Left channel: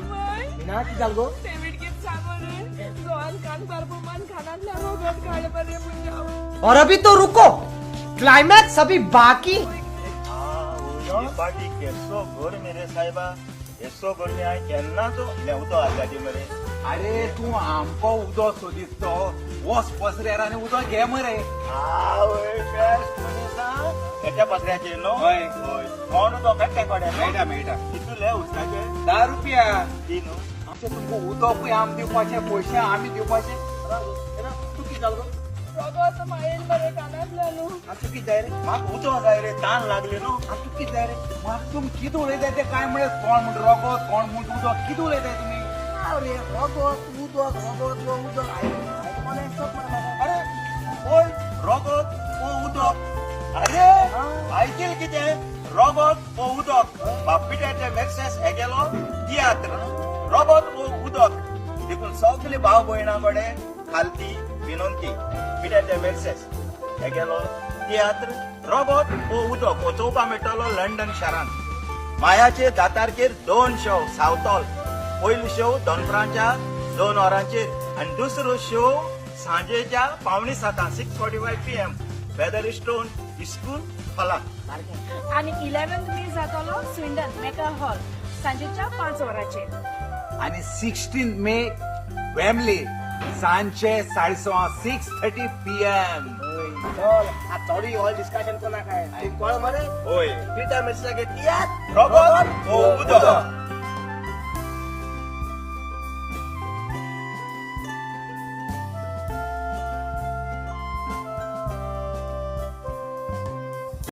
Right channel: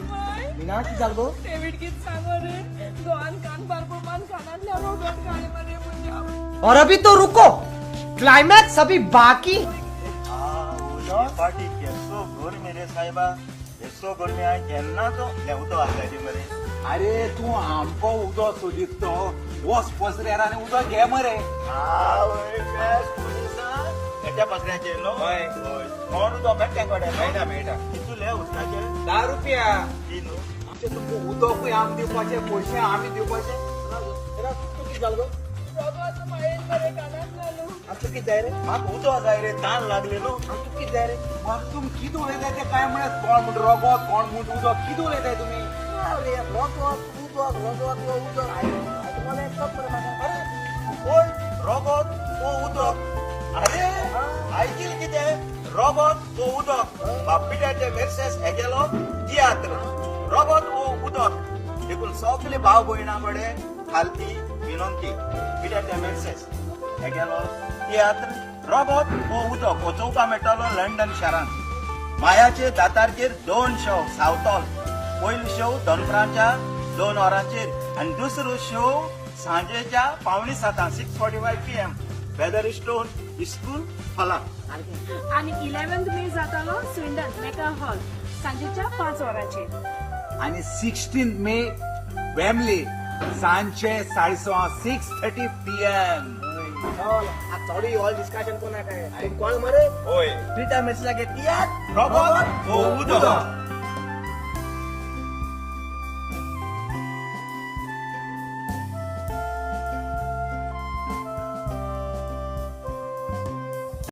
मिना की जाल गो और अभी तो रुको, क्लाइमैक्स अभी बाकी। पार्टी केसो गोर मेरे साहेबा केसो गोर में केन्ना तो लेवतो आगाजी मरे अरे तू आमको उदो सोदितो वस पसऱ्याराने उदो घे मरे एटा पत्र्याचे नो हय कोण तो कट्टे कोडे मेळटा मेळटा किती ले उसाचे 10 रुपया तीन आमचे तुमको उदो पळय आम दिवपाचे पयशे आमी दिवपाचे किती जाल गो अच्छा किती जाय रे म्हाका उदो जाय रे ताण लागली न्हू किती जाय रे मग तुम किती उलयताय ते काय म्हणत कोण म्हण रोगो कोण म्हण उदो किती उलयताय तुम्ही रोबोट वो उदक अरे आयकल कितें रोबोट वो उदक बापिटाचे मेसेज हे गेलो तियात्र रोबोट वो उदक देखून सगळे भाव भयणां कडेन खालती विनंती पिटाचे मेसेज हे गेलो तियात्र रोबोट वो उदक वचोवपा मेळटालो लंडन शारांत मायाचे दातारचेर 2 शो सावतॉल पयलो शो दनपाराच्या 2 वरांचेर आनी दुसरो शो सांजेच्या 6:45 6:45 PM वेदर स्टोन स्कूल खोला आणि 11th मे जातालो स्विंडन मेका हॉल सांजेच्या 5 वरांचेर आणि 16 मे वेमली सांचे 6:30 PM थोडी हॉल डिस्कशन कोणा काय कळ मरे होय पिटा मेसेज लागे तियात्र रोबोट वो उदक